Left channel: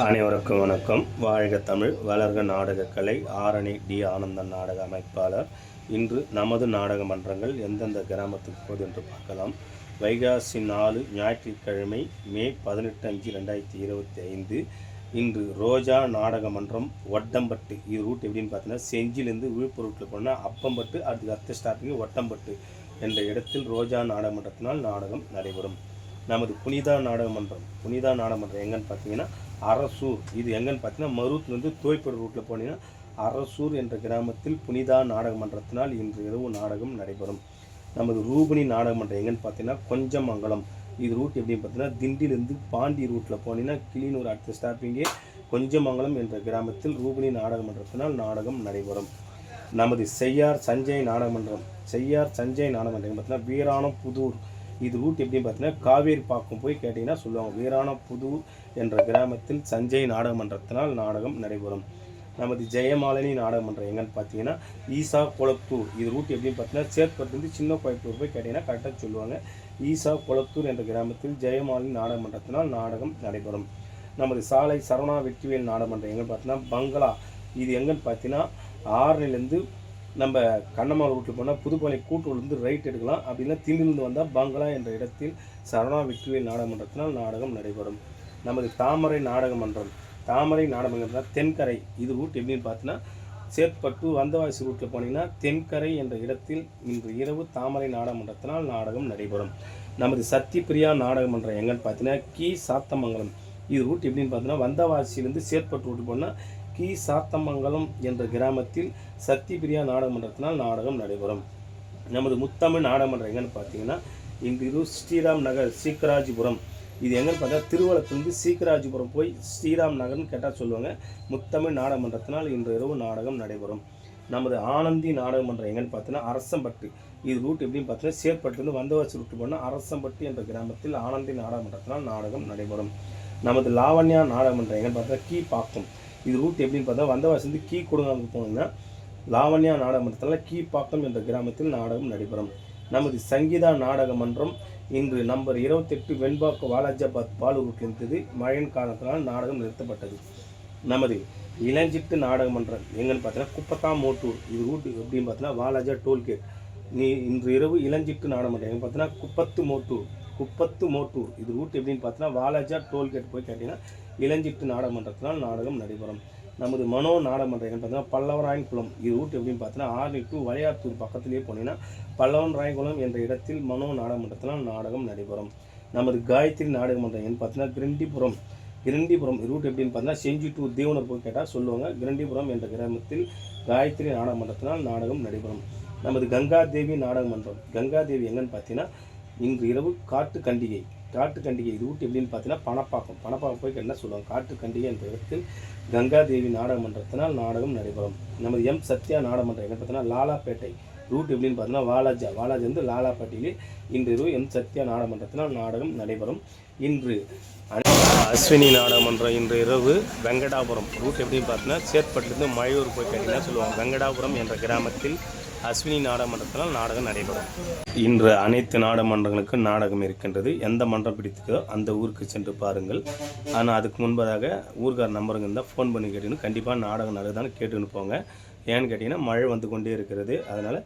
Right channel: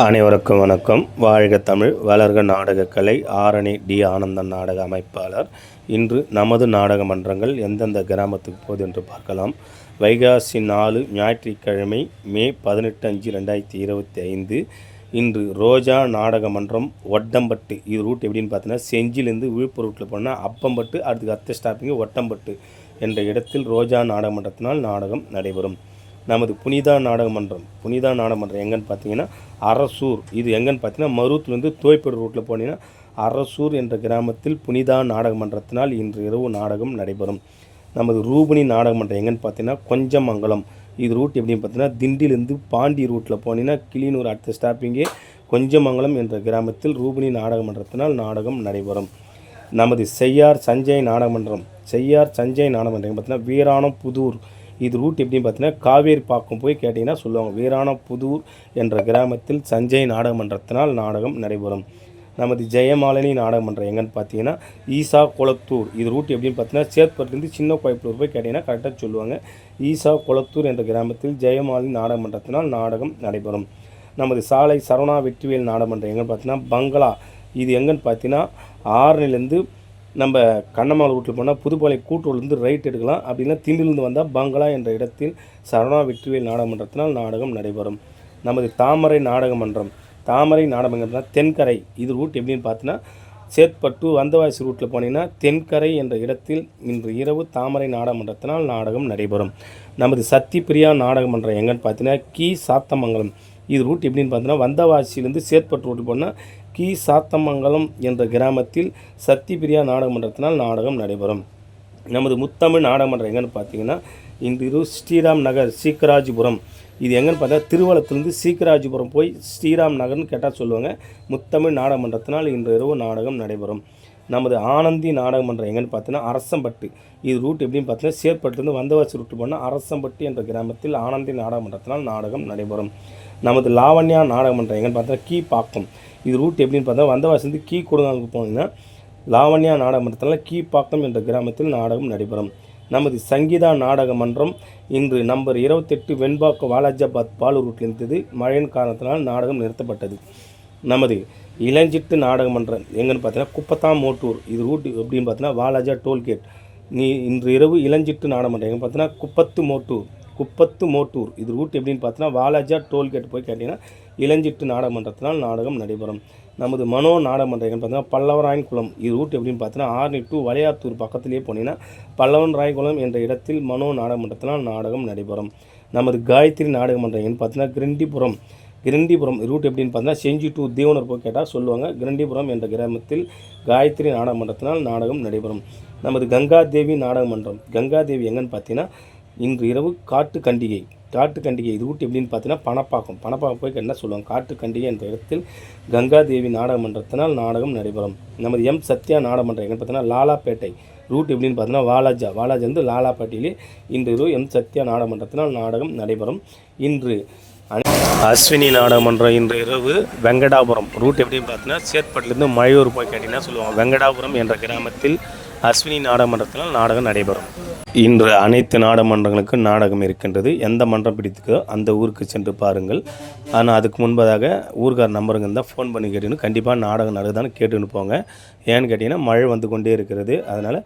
அனைவருக்கும் வணக்கம். வாழ்க தமிழ் வளர்க நாடகக்கலை ஆரணி டி ஆனந்தன் நாடக அமைப்பாளர். இன்று நமது நாடக மன்றங்கள் எந்தெந்த கிராமத்துக்கு போகுது என்று பார்க்கலாம். வைகாசி நாலு ஞாயிற்றுக்கிழமை மே பதினெட்டு அஞ்சு ரெண்டாயிரத்தி இருபத்தி ஐந்து. இன்று ரோஜா நாடக மன்றம் ஒட்டம்பட்டு. இது ரூட் எப்படின்னு பார்த்தீங்கன்னா செஞ்சிலேருந்து விழுப்புரம் ரூட்டில் போனால் அப்பம்பட்டு அடுத்து அத்தை ஸ்டாப்பிங்கு ஒட்டம்பட்டு என்ற இடத்தில் ரோஜா நாடக மன்றத்தினால் நாடகம் நடைபெறும். நமது புனிதா நாடக மன்றம் புனிதா நாடக மன்றம் எங்கன்னு பார்த்தீங்கன்னா அரசூர். இது எங்கன்னு பார்த்தீங்கன்னா மருத்துலேருந்து தோய்ப்பேடு ரூட்டில் போனீங்கன்னா அரசூர் என்ற கிராமத்தில் புனிதா நாடக மன்றத்தினால் இன்று இரவு நாடகம் நடைபெறும். நமது ரூபினி நாடக மன்றம் எங்கன்னு பார்த்தீங்கன்னா கொஞ்சமங்கலம். இது ரூட் எப்படின்னு பார்த்தீங்கன்னா திண்டிலேருந்து பாண்டி ரூட்டில் போனீங்கன்னா கிளினூர் அடுத்த ஸ்டாப்பிங்கே கொஞ்சமங்கலம் என்ற கிராமத்தில் ரூபினி நாடக மன்றத்தினால் நாடகம் நடைபெறும். நமது செய்யார் சஞ்சய் நாடகமன்றம் செய்யார் சஞ்சய் நாடகமன்றம் பார்த்தீங்கன்னா வீராணம் புதூர். இது ரூட் எப்படின்னு பார்த்தீங்கன்னா காவேரி பாக்கம் போய் கேட்டிங்கன்னா சொல்லுவாங்க. வீரான புதூர் என்ற கிராமத்தில் சஞ்சய் நாடகமன்றத்தினால் நாடகம் நடைபெறும். நமது ஜெயமாலினி நாடகமன்றம் எங்கன்னு பார்த்தீங்கன்னா ஈசா குளத்தூர். இது ரூட் எப்படின்னு பார்த்தீங்கன்னா சேத்பட்டுலேருந்து சின்ன கோயம்புத்தூர் போய் கேட்டிங்கன்னா கரெக்டாக சொல்லுவாங்க. ஈசா குளத்தூர் என்ற கிராமத்தில் ஜெயமாலினி நாடகமன்றத்தினால் நாடகம் நடைபெறும். நமது சாலை சரவணா வெற்றிவேல் நாடகமன்றம் எங்கன்னு பார்த்தீங்கன்னா பங்களா. இது எங்கன்னு பார்த்தீங்கன்னா ஆறுலேருந்து நம்ம கண்ணம்மாள் ரூட்டில் போனால் புதுப்பாளையம் கூட்டூர்லேருந்து ரைட் எடுக்கலாம். அப்படின்னா திண்டிலிருந்து வந்தால் பங்களா என்ற இடத்தில் சரவணா வெற்றிவேல் நாடகமன்றத்தினால் நாடகம் நடைபெறும். நமது தாமரை நாடகமன்றம். தாமரை நாடகமன்றம் தென்கரை. இது ரூட் எப்படின்னு பார்த்தீங்கன்னா சேத்பட்டு வந்தவாசி ரூட்டில் போனீங்கன்னா தென்கரை என்ற இடத்தில் இன்று இரவு தாமரை நாடகமன்றத்தினால் நாடகம் நடைபெறும். நமது சத்தியப்பிரியா நாடகமன்றம் எங்கன்னு பார்த்தீங்கன்னா கி. சாத்தமங்கலம். இது ரூட் எப்படின்னு பார்த்தீங்கன்னா வந்தவாசியிலேருந்து சேத்பட்டு ரூட்டு போனால் கி. சாத்தமங்கலம் என்ற கிராமத்தில் சத்தியபிரியா நாடகமன்றத்தினால் நாடகம் நடைபெறும். நமது முத்தமிழ் நாடகமன்றம் எங்கன்னு பார்த்தீங்கன்னா இன்று இரவு ஸ்ரீராம் நகர் சீக்கராஜிபுரம். இது எங்கன்னு பார்த்தா திருவள்ளத்துலேருந்து சீக்கராஜிபுரம் போய் ஸ்ரீராம் நகர்னு கேட்டால் சொல்லுவாங்க. முத்தமிழ் நாடகமன்றத்தினால் இன்று இரவு நாடகம் நடைபெறும். நமது ஆனந்தி நாடகமன்றம் எங்கன்னு பார்த்தீங்கன்னா அரசம்பட்டு. இது ரூட் எப்படின்னு பார்த்தீங்கன்னா சேற்பட்டுலேருந்து வந்தவாசி ரூட்டு போனால் அரசம்பட்டு என்ற கிராமத்தில் ஆனந்தி நாடகமன்றத்தினால் நாடகம் நடைபெறும். நமது லாவண்யா நாடகமன்றம் எங்கன்னு பார்த்தீங்கன்னா கீ. பாக்கம். இது ரூட் எப்படின்னு பார்த்தா வந்தவாசிலேருந்து கீ கொடுங்க போனீங்கன்னா லாவண்யா நாடகமன்றத்தில் பாக்கம் என்ற கிராமத்தில் நாடகம் நடைபெறும். நமது சங்கீதா நாடக மன்றம் இன்று நம்பர் இருபத்தெட்டு வெண்பாக்கம் வாலாஜாபாத் பாலூர் ரூட்டில் இருந்தது. மழையின் காரணத்தினால் நாடகம் நிறுத்தப்பட்டது. நமது இளஞ்சிட்டு நாடக மன்றம் எங்கன்னு பார்த்தீங்கன்னா குப்பத்தாம் மோட்டூர் இது ரூட் எப்படின்னு பார்த்தீங்கன்னா வாலாஜா டோல்கேட். நீ இன்று இரவு இளஞ்சிட்டு நாடகமன்றம் எங்கே பார்த்தீங்கன்னா குப்பத்து மோட்டூர் குப்பத்து மோட்டூர் இது ரூட் எப்படின்னு பார்த்தீங்கன்னா வாலாஜா டோல்கேட் போய் கேட்டிங்கன்னா இளஞ்சிட்டு நாடகமன்றத்தினால் நாடகம் நடைபெறும். நமது மனோ நாடகமன்றம் பார்த்தீங்கன்னா பல்லவராயன் குளம். இது ரூட் எப்படின்னு பார்த்தீங்கன்னா ஆர்னி டு வளையாத்தூர் பக்கத்திலேயே போனீங்கன்னா பல்லவன் ராயகுளம் என்ற இடத்தில் மனோ நாடகமன்றத்தினால் நாடகம் நடைபெறும். நமது காயத்ரி நாடகமன்றம் எங்கன்னு பார்த்தீங்கன்னா கிரண்டிபுரம். கிரண்டிபுரம் ரூட் எப்படின்னு பார்த்தீங்கன்னா செஞ்சி டு தேவனர் போய் கேட்டால் சொல்லுவாங்க. கிரண்டிபுரம் என்ற கிராமத்தில் காயத்ரி நாடகமன்றத்தினால் நாடகம் நடைபெறும். நமது கங்காதேவி நாடகமன்றம். கங்காதேவி எங்கன்னு பார்த்தீங்கன்னா இன்று இரவு காட்டு கண்டிகை காட்டு கண்டிகை இது ஊட்டி எப்படின்னு பார்த்தீங்கன்னா பணப்பாக்கம். பணப்பாக்கம் போய் என்ன சொல்லுவாங்க? காட்டு கண்டிகை என்ற இடத்தில் கங்காதேவி நாடக மன்றத்தினால் நாடகம் நடைபெறும். நமது எம். சத்யா நாடகமன்றம் எங்கே பார்த்தீங்கன்னா லாலாப்பேட்டை. ரூட் எப்படின்னு பார்த்தீங்கன்னா வாலாஜா. வாலாஜா வந்து லாலாப்பேட்டையிலே இன்று இரவு எம். சத்யா நாடகமன்றத்தினால் நாடகம் நடைபெறும். இன்று அஸ்வினி நாடகமன்றம் இன்று இரவு வெங்கடாபுரம். ரூட் எப்படின்னு பார்த்தீங்கன்னா சேத்பட்டிலேருந்து மழையூர் போய் கேட்டிங்கன்னா சொல்லுவாங்க. வெங்கடாபுரம் என்ற கிராமத்தில் அஸ்வினி நாடகமன்றத்தில் நாடகம் நடைபெறும். இன்று அனைத்து நாடகமன்றங்களுக்கும் நாடகம் இருக்கின்றது. எந்த மன்றம் பிடித்துக்கோ அந்த ஊருக்கு சென்று பாருங்கள். ஆனால் அதுக்கு முன்பதாக ஊர்கார் நம்பருங்க இருந்தால் ஃபோன் பண்ணி கேட்டுன்னு கண்டிப்பாக நாடகம் நடக்குதான்னு கேட்டுன்னு போங்க. ஏன்னு கேட்டிங்கன்னா மழை வந்து கொண்டே இருக்கிறது. அதனால்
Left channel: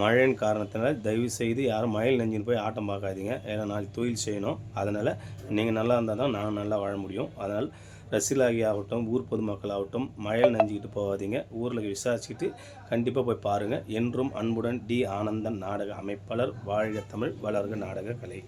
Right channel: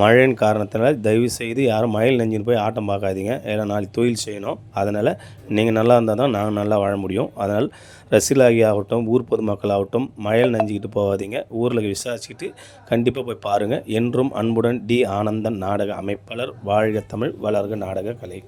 மழையின் காரணத்தினால் தயவு செய்து யாரும் மழையில் நெஞ்சின்னு போய் ஆட்டம் பார்க்காதீங்க. ஏன்னா நாளைக்கு தொழில் செய்யணும். அதனால் நீங்கள் நல்லா இருந்தால் தான் நாங்கள் நல்லா வாழ முடியும். அதனால் ரசிகலாகி ஆகட்டும் ஊர் பொதுமக்கள் ஆகட்டும் மழையில் நெஞ்சிக்கிட்டு போகாதீங்க. ஊரில் விசாரிச்சுக்கிட்டு கண்டிப்பாக போய் பாருங்கள் என்றும் அன்புடன் டி. ஆனந்தன் நாடக அமைப்பாளர் வாழ்க தமிழ் வளர்க நாடக கலை.